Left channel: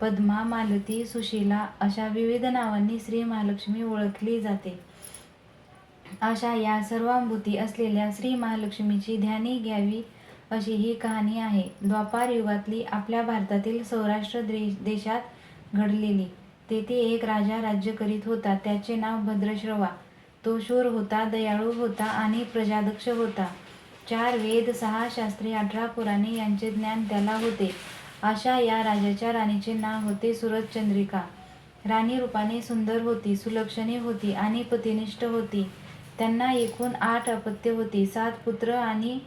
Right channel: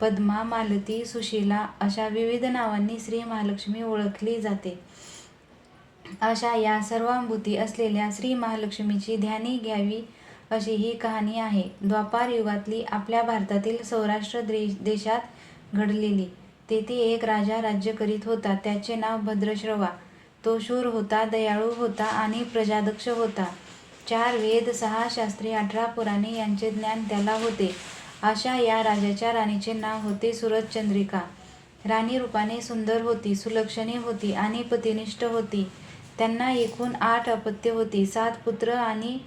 पद्मा मालती सुशीला अशा विविध नावांनी श्री महालक्ष्मी ओळखली जाते. अशा या सर्वांभूती असलेल्या श्री महालक्ष्मीची ध्यानी घ्यावी अशी ही कहाणी आहे. द्वापार युगातली आपल्या भारतातील सौराष्ट्र दे देशात घडलेली. तेथे एक राजा राज्य करीत होता. त्याचे नाव भद्रश्रवा. तो शूर होता दयाळू होता आणि प्रजादक्ष होता. चार वेद सहा शास्त्री अठरा पुराणे यांचे ज्ञान त्याला होते. अशा या राजाच्या राणीचे नाव होते सुरतचंद्रिका राणी रूपाने सुंदर होती सुलक्षणी होती आणि पतिनिष्ठ होती. त्यांना एकूण आठ अपत्य होती सात पुत्र आणि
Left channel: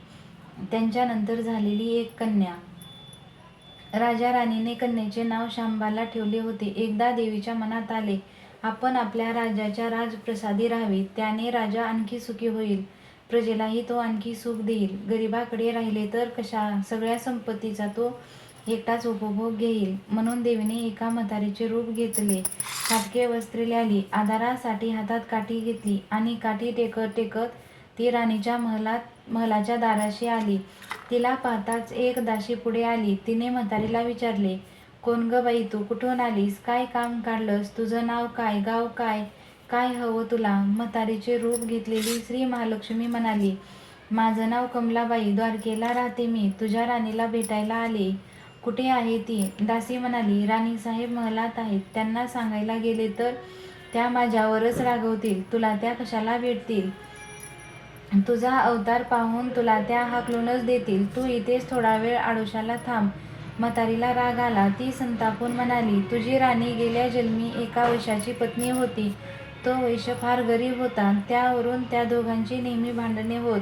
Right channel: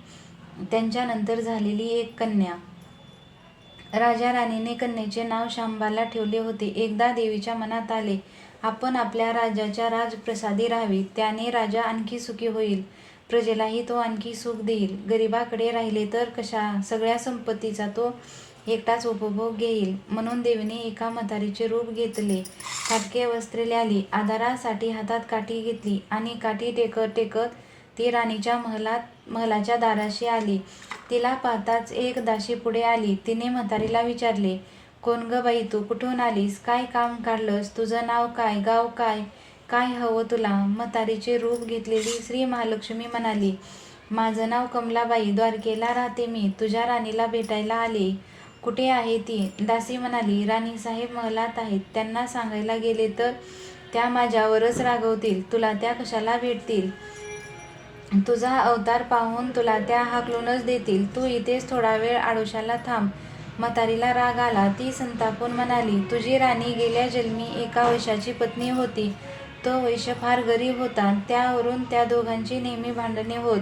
त्यांच्यानंतर झालेली एक कन्या. राजा राणीने कन्येचे नाव शांबाला ठेवले होते. एकदा देवीच्या मनात आले आपण आपल्या राजाच्या राजप्रसादी राहावे त्याने राजा आणखी सुखी होईल. प्रजेलाही तो आणखी सुख देईल. गरिबाकडे राहिले तर कशा सगळ्या संपत्तीचा तो एकटाच उपभोग घेईल. म्हणून देवीने एका म्हातारीचे रूप घेतले. फाटके वस्त्रे ल्याली आधारासाठी हातात काठी घेतली आणि काठी टेकत टेकत ती राणीच्या महलात महलाच्या दाराशी आली. तिला पाहताच एक दाशी पुढे आली. तिने म्हातारीला विचारले कोण ग बाई तू? कुठून आलीस? काय काम काढलंस? तुझं नाव काय? गाव काय? काय हवं तुला? म्हातारीचे रूप घेतलेली श्री महालक्ष्मी म्हणाली माझं नाव कमलाबाई. द्वारकेला राहते मी. तुझ्या राणीला भेटायला आले. कुठे आहे ती? दासी म्हणाली राणी साहेब महलात आहेत. त्यांना सांगायला गेले तर त्या माझ्यावरच रागवतील. तुला त्या कशाला भेटतील? तुझा अवतार पाहून तुला त्या हाकलूनच देतील. तू इथेच थोडा वेळ आडोशाला थांब. म्हातारीला राग आला. ती संतापून म्हणाली तुझी राणी गेल्या जन्मी एका वैशाची पत्नी होती. तो वैश्य फार गरीब होता. त्यावरून त्या दोघांची नेहमी भांडणे होत.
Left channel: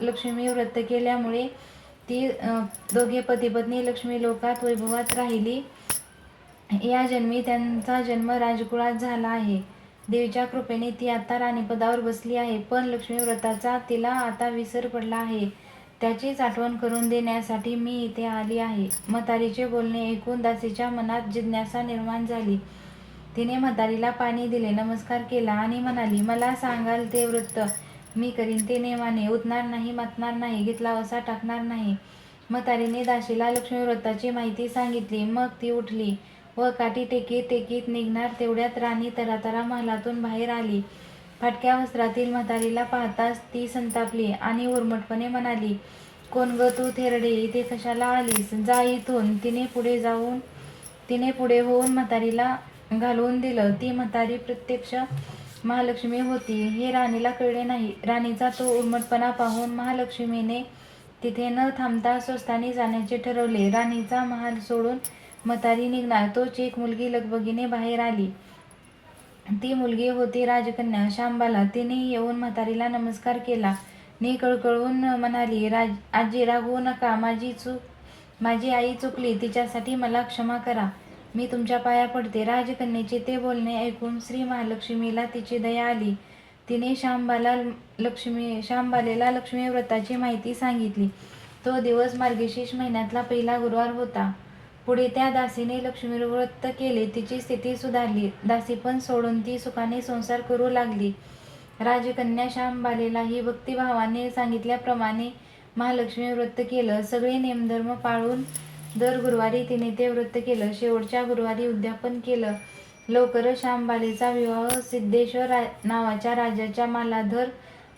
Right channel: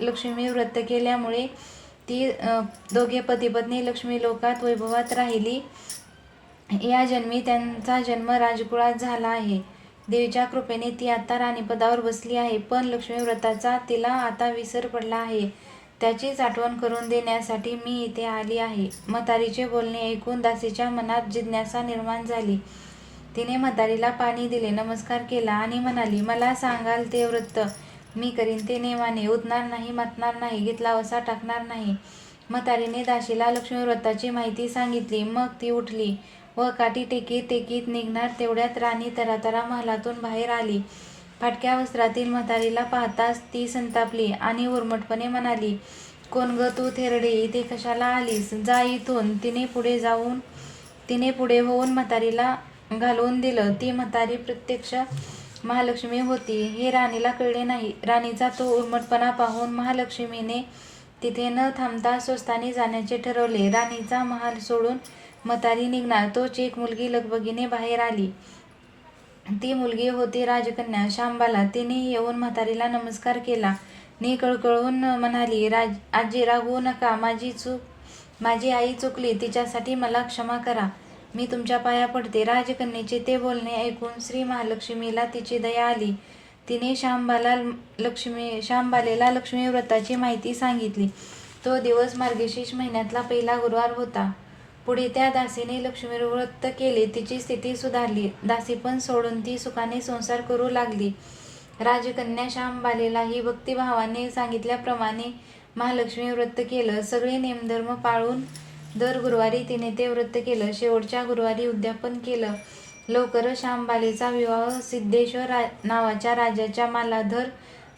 लक्ष्मी व्रत केल्यामुळे ती दोघे पतिपत्नी लक्ष्मी लोकात वैभवात राहिली. या जन्मी त्यांचा जन्म राजकुळात झाला आहे. देवीच्या कृपेने ती आता राणीपदावर बसली आहे पण लक्ष्मी व्रताचा तिला आता विसर पडला आहे. त्याचीच आठवण करून देण्यासाठी मी इथे आली आहे. म्हातारीचे बोलणे ऐकून दासीच्या मनात जिज्ञासा निर्माण झाली. तिने म्हातारीला पाणी दिले नमस्कार केला आणि म्हणाली मला सांगाल ते व्रत मी करीन ते नेमाने उतणार नाही मतणार नाही घेतला वसा टाकणार नाही. म्हातारीने दाशीला लक्ष्मी व्रताची माहिती सांगितली. मग ती उठली व काठी टेकीत टेकीत निघणार तेवढ्यात राणी तरातरा महालातून बाहेर आली. फाटक्या वस्त्रातील म्हातारीला पाहताच ती संतापली आणि उर्मटपणे म्हणाली कोण ग तू थेरडे? इथे कशाला आलीस? जा इथून. तिने पुढे जाऊन तिने पुढे होऊन म्हातारीला घालवून दिलं. ती म्हातारी प्रत्यक्ष महालक्ष्मी होती. हे राणीला कळले नाही. राणीचा तो उर्मटपणा पाहून महालक्ष्मीने तिथे न थांबता स्वस्तानी जाण्याचे ठरवले. राणीचा महाल सोडून म्हातारी निघणार. तोच एक मुलगी लगबगीने बाहेर आली. ती मुलगी होती राजकन्या. शांबाला तिने येऊन म्हातारीला नमस्कार केला. ने कळकळून म्हणाली राज आजी रागवू नका. माझी चूक माझी आई चुकली. तिच्यासाठी मला क्षमा करा. मी तुमच्या पाया पडते. राजकन्येचे ते बोलणे ऐकून श्री महालक्ष्मीला तिची दया आली. तिने शांबाला लक्ष्मी शांबालेला लक्ष्मी व्रताची माहिती सांगितली. तो दिवस मार्गशीर्ष महिन्यातला पहिला गुरुवार होता. पुढे त्या दासीने लक्ष्मी व्रत केले. तिची स्थिती सुधारली. दासी पण सोडून ती सुखाने संसार करू लागली. राजकन्या श्यामबालेलाही भक्तिभावाने सांगितल्याप्रमाणे महालक्ष्मी व्रत केलं. सगळे नेमधर्म पाळून दर गुरुवारी तिने ते व्रत केलं. शेवटच्या गुरुवारी उद्यापन केलं. लवकरच श्यामबालेचा विवाह सिद्धेश्वर रा नावाच्या राजाच्या मालाधर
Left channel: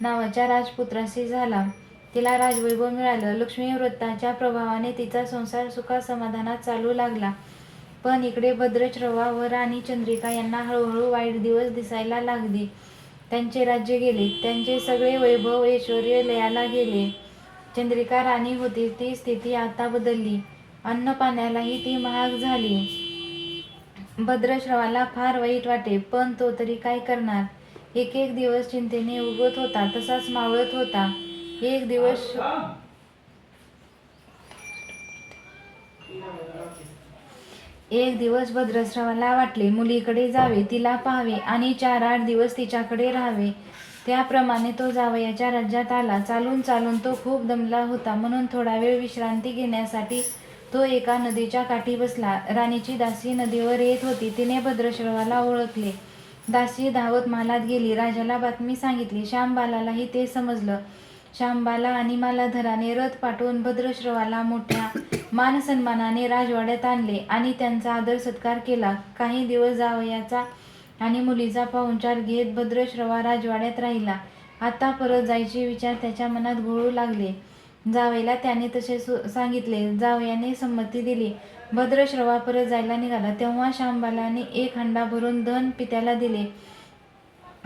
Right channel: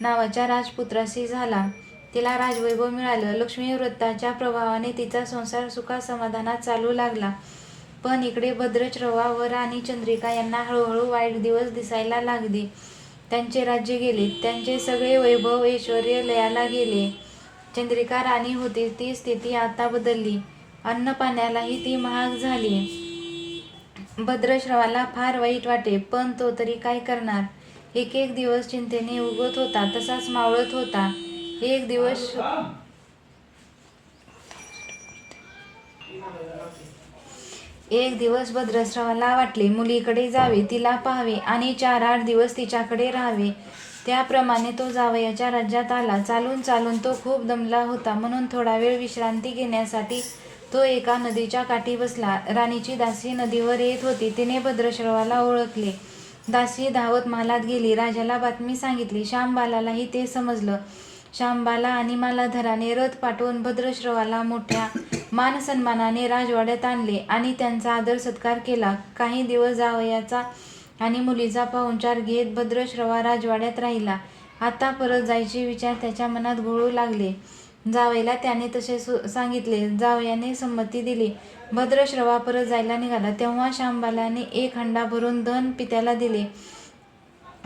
नावाच्या राजपुत्राशी झाला. तिला राजवैभव मिळालं. लक्ष्मी व्रताच्या प्रभावाने तिचा संसार सुखा समाधानात चालू लागला. पण इकडे भद्रश्रवा व राणी चंद्रिका यांना हळूहळू वाईट दिवस दिसायला लागले. त्यांचे राज्य गेले. त्यांचे सगळे वैभव ऐश्वर लयाला गेले. चंद्रिका राणी होती. ती स्थिती आता बदलली. अन्न पाण्यालाही ती महाग झाली. भद्रश्रवाला फार वाईट वाटे पण तो तरी काय करणार? एक एक दिवस चिंतेने उगत होता तसाच मावळत होता. एक दिवस एक दिवस भद्रश्रवाला वाटले मुलीकडे जावे तिला पाहावे आणि चार आठ दिवस तिच्याकडे राहावे. त्याप्रमाणे तो जावयाच्या राज्यात आला. चालून चालून तो खूप दमला होता. म्हणून थोडा वेळ विश्रांती घेण्यासाठी तो एका नदीच्या काठी बसला. राणीची दासी नदीवर येत होती. तिने भद्रश्रवाला ओळखले. दासी धावत महालात गेली. राजाला बातमी सांगितली. श्यामबालालाही ते समजलं. श्यामबाला आणि मालाधराने रथ पाठवून भद्रश्रवाला मोठ्या मान सन्मानाने राजवाड्यात आणले आणि त्यांचा आदर सत्कार केला. काही दिवस जावयाचा आणि मुलीचा पाहुणचार घेत भद्रश्रवा राजवाड्यात राहिला. आता परत जायचे विचार त्याच्या मनात घोळू लागले. जावयाला त्याने तसे सु- सांगितले. जावयाने संमती दिली. भद्रश्रवा परत जायला निघाला. तेव्हा शांबालाने एक हंडा भरून धन पित्याला दिले.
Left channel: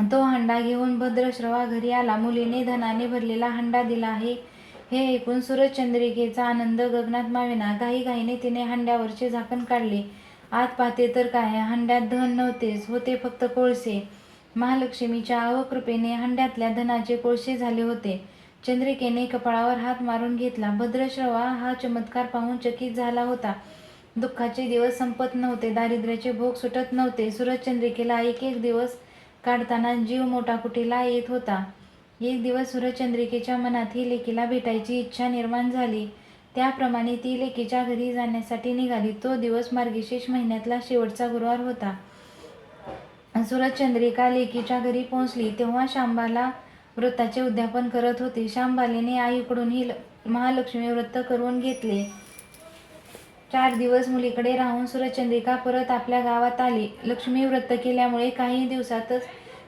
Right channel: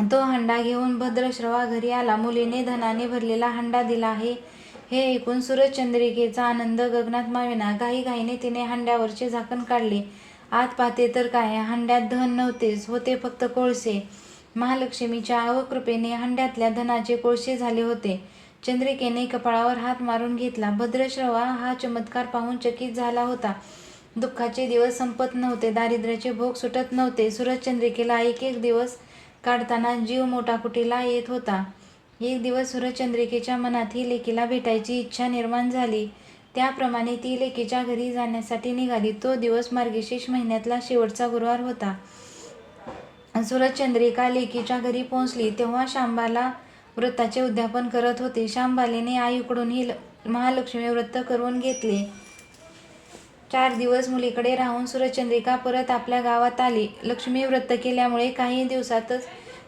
तो हंडा घेऊन भद्रश्रवा घरी आला. मुलीने धनाने भरलेला हंडा दिला आहे. हे ऐकून सूरजचंद्रिकेचा आनंद गगनात माविना. घाई घाईने तिने हंड्यावरचे झाकण काढले. आत पाहते तर काय? हंड्यात धन नव्हतेच होते फक्त कोळसे. महालक्ष्मीच्या अवकृपेने हंड्यातल्या धनाचे कोळसे झाले होते. चंद्रिकेने कपाळावर हात मारून घेतला. भद्रश्रवा हा चमत्कार पाहून चकित झाला होता. दुःखाचे दिवस संपत नव्हते. दारिद्र्याचे भोग सुटत नव्हते. सूरजचंद्रिकेला एक एक दिवस काढताना जीव मोठा कुटीला येत होता. एक दिवस सूरजचंद्रिकेच्या मनात ही लेकीला भेटायची इच्छा निर्माण झाली. त्याप्रमाणे ती लेकीच्या घरी जाण्यासाठी निघाली. तो दिवस मार्गशीर्ष महिन्यातला शेवटचा गुरुवार होता. सूरजचंद्रिका लेकीच्या घरी पोहोचली. तेव्हा शांबाला व्रताचे उद्यापन करत होते. शांबालीने आईकडून ही ल- महालक्ष्मी व्रत करून घेतले. चार दिवस मुलीकडे राहून सुरचंद्रिका परत आपल्या गावात आली. लक्ष्मी व्रत केल्यामुळे काही दिवसातच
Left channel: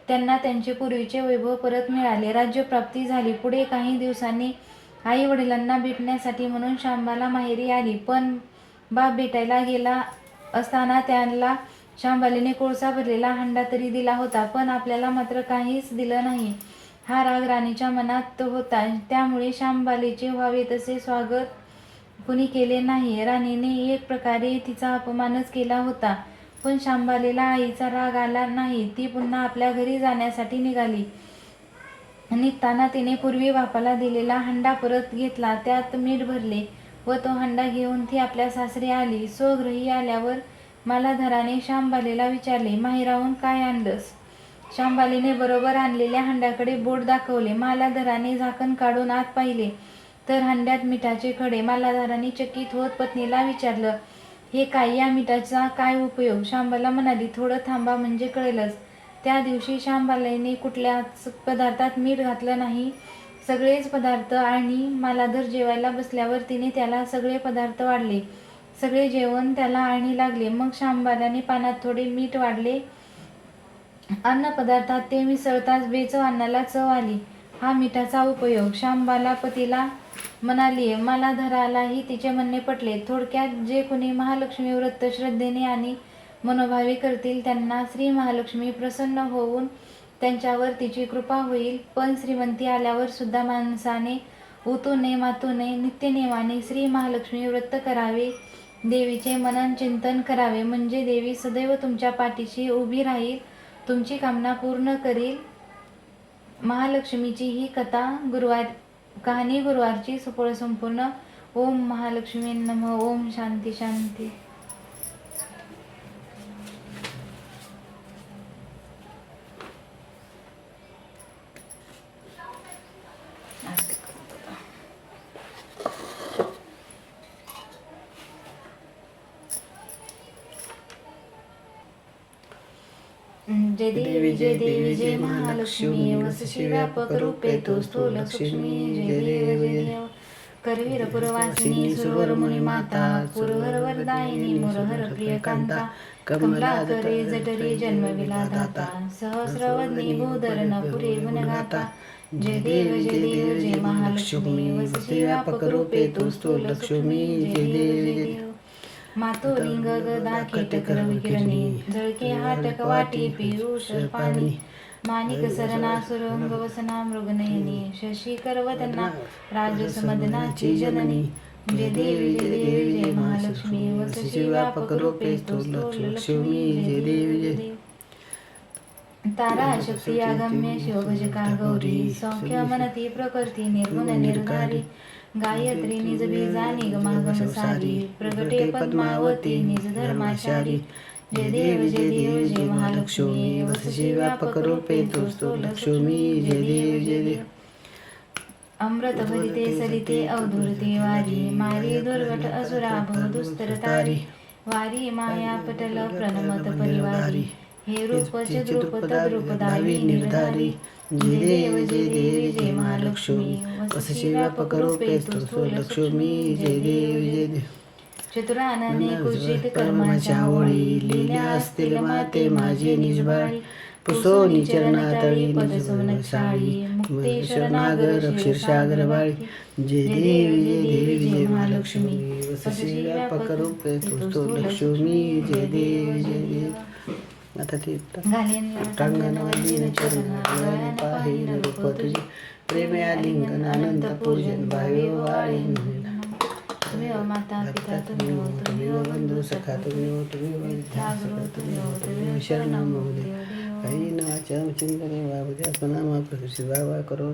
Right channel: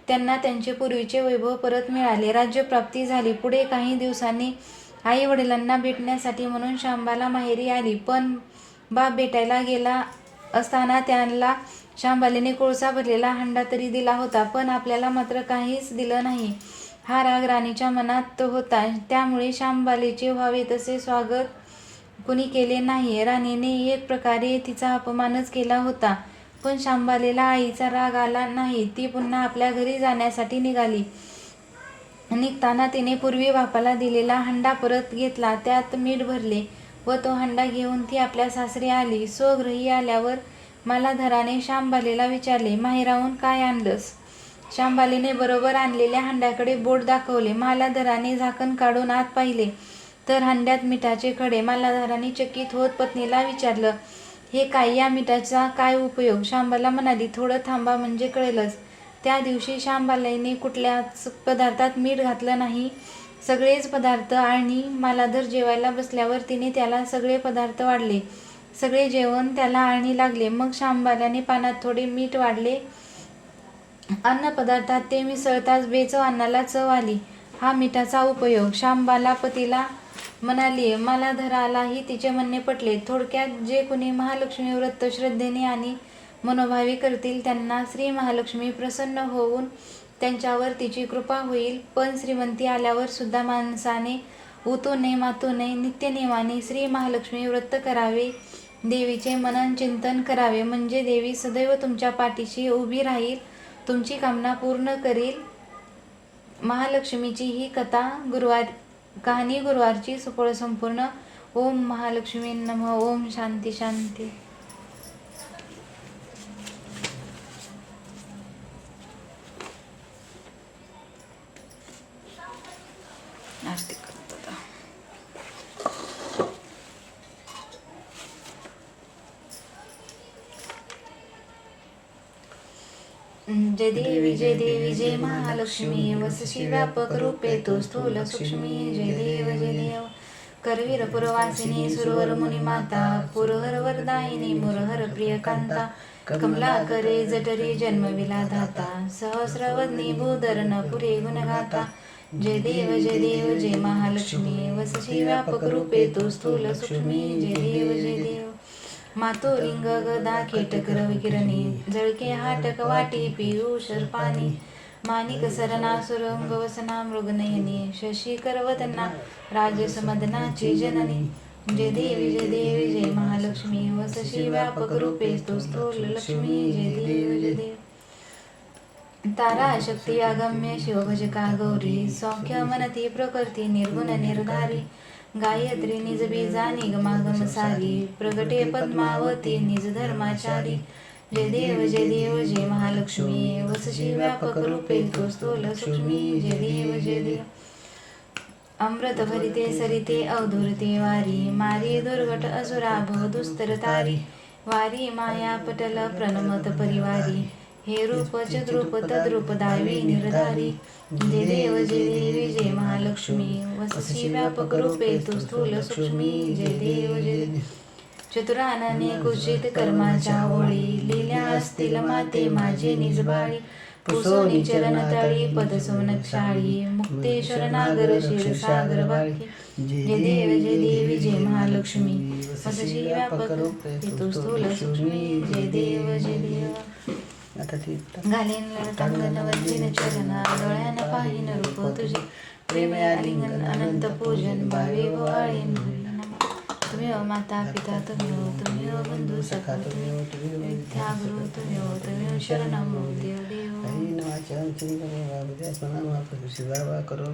त्यांना त्यांचे पूर्वीचे वैभव परत मिळाले. राज्यप्राप्ती झाली. पुढे काही दिवसांनी आई वडिलांना भेटण्यासाठी म्हणून शांबाला माहेरी आली. पण बाप भेटायला गेला असताना त्यांना शांबालीने कोळसा भरलेला हंडा तरी दिला होता. पण आपल्याला मात्र काहीच दिलं नाही. हा राग राणीच्या मनात तो होता. त्यामुळे श्यामबालीचे व्हावे तसे स्वागत कुणी केले नाही राणीने एक प्रकारे तिचा अपमानच केला होता. पण शांबालीला आईचा राग आला नाही. ती पुन्हा आपल्या घरी जाण्यासाठी निघाली. निघताना तिने पूर्वी बापाला दिलेला हंडा परत घेतला. त्यात मीठ भरले व तो हंडा घेऊन ती आपल्या सासरी आली. स्वगृही आल्यावर मला धराने श्यामबालेला विचारले माहेराहून काय आणलंस? शांबालीने बरोबर आणलेल्या हंड्याकडे बोट दाखवले. मालाधराने झाकण काढून आत पाहिले. तर हंड्यात मिठाचे खडे मालाधराने चकित होत पत्नीला विचारलं हे काय या मिठाचा काय उपयोग? शांबाला म्हणाली थोडं थांबा म्हणजे कळेलच. त्या दिवशी शांबालाईने कुठल्याच पदार्थात मीठ घातलं नाही. सगळेच पदार्थ आणि मालाधर जेवायला बसल्यावर तिने त्याला सगळे पदार्थ वाढले. सगळे जेवण त्याला आणि लागले. मग शांबालाने पानात थोडे मीठ वाढले. अन्न पदार्थात ते मिसळताच बेचव अन्नाला चव आली. हा मिठाचा उपयोग शांबाला पतीला म्हणाली मला धरालाही तिचे म्हणणे पटले. थोडक्यात जे कुणी महालक्ष्मी व्रत श्रद्धेने आणि मनोभावी करतील त्यांना श्री महालक्ष्मी प्रसन्न होऊन त्यांच्यावर तिची कृपा होईल. पण श्रीमंती आल्यावर सुद्धा माणसाने उतूने मातूने नित्यनेमाने श्री महालक्ष्मी व्रत करावे. देवीचे मनन चिंतन करावे. म्हणजे देवी सदैव तुमच्या पाठीशी उभी राहील. तुमची कामना पूर्ण करील. महालक्ष्मीची ही कथा गुरुवार कहाणी गुरुवारची सुपळ संपूर्ण. ओम महालक्ष्मी नम. ओम शांती शांती आस्ते करतो आता. जय देवी जय देवी जय महालक्ष्मी वसशी व्यापक रूपे तू स्थूल सूक्ष्मी जय देव जय देव करवीर पुरवासिनी सुरवर मुनी माता कुरहर वरदायिनी मुरहर प्रिय कांता कमला करे जठरी जन्मविला धाता सहस्रवदनी भूधरण पुरे गुणगाता जय देव जय देव जय महालक्ष्मी वसशी व्यापक रूपे तू स्थूल सूक्ष्मी जय देव जय देव. मातो लिंग गदा खेटक रविकिरणी जळके हाटक वाटी पियुष पाणी माणिक सरना सुरंग वसना मृगनयनी शशी करवदना राजस मदनाची जननी जय देवी जय देवी जय महालक्ष्मी वसशी व्यापक रूपे स्तोत्र लक्ष्मी जय देवी जय देवी. तारा शक्ती आगम्य शिवभजका गौरी सौख्य मनती प्रकृती निर्गुण निर्धारी गायत्री निज बीजा निगमागम सारी प्रगटे पद्मावती निज धर्माचारी. जय देव जय देव जय महालक्ष्मी. वसशी व्यापक रूपे तोस्तो लक्ष्मी. जय देव जय देव. अमृत भरिते सरिते अवधूरते वारी. मारी दुर्घट असुरा दुस्तर तारी वारी माया पटल प्रणमत परिवारी. हे रूप चद्रूप तद्रूप दावी निर्धारी जय देव जय देवी जय महालक्ष्मी वसशी व्यापक रूपे तुस्तु लक्ष्मी जय देव जय चतुरानने कुचित कर्माच्या ओळी लिहिल्या असतील माते माझे निजबाळी पुसोनी चरण तळी पद सोनक्षाळी मुक्तेश्वर नागर क्षीरसागर बाळी। जय देव जय देवी जय महालक्ष्मी। वसशी व्यापक रूपे तुस्तु लक्ष्मी जय देव जय देव। आता ती घालीन टांगण वंजिन चरणा डोळ्यान पाहिन रूप तुझे. प्रेम आलिंगन अनंत पूजन भावे वाळीन तुम्ही हो माता पिता तुम्ही हो तुम्ही हो बंधू सखा तुम्ही हो तुम्ही हो विद्या गुरु तुम्ही हो तुम्ही हो शरणम देव देव. काही नावाच्या चिंतने बाबा करो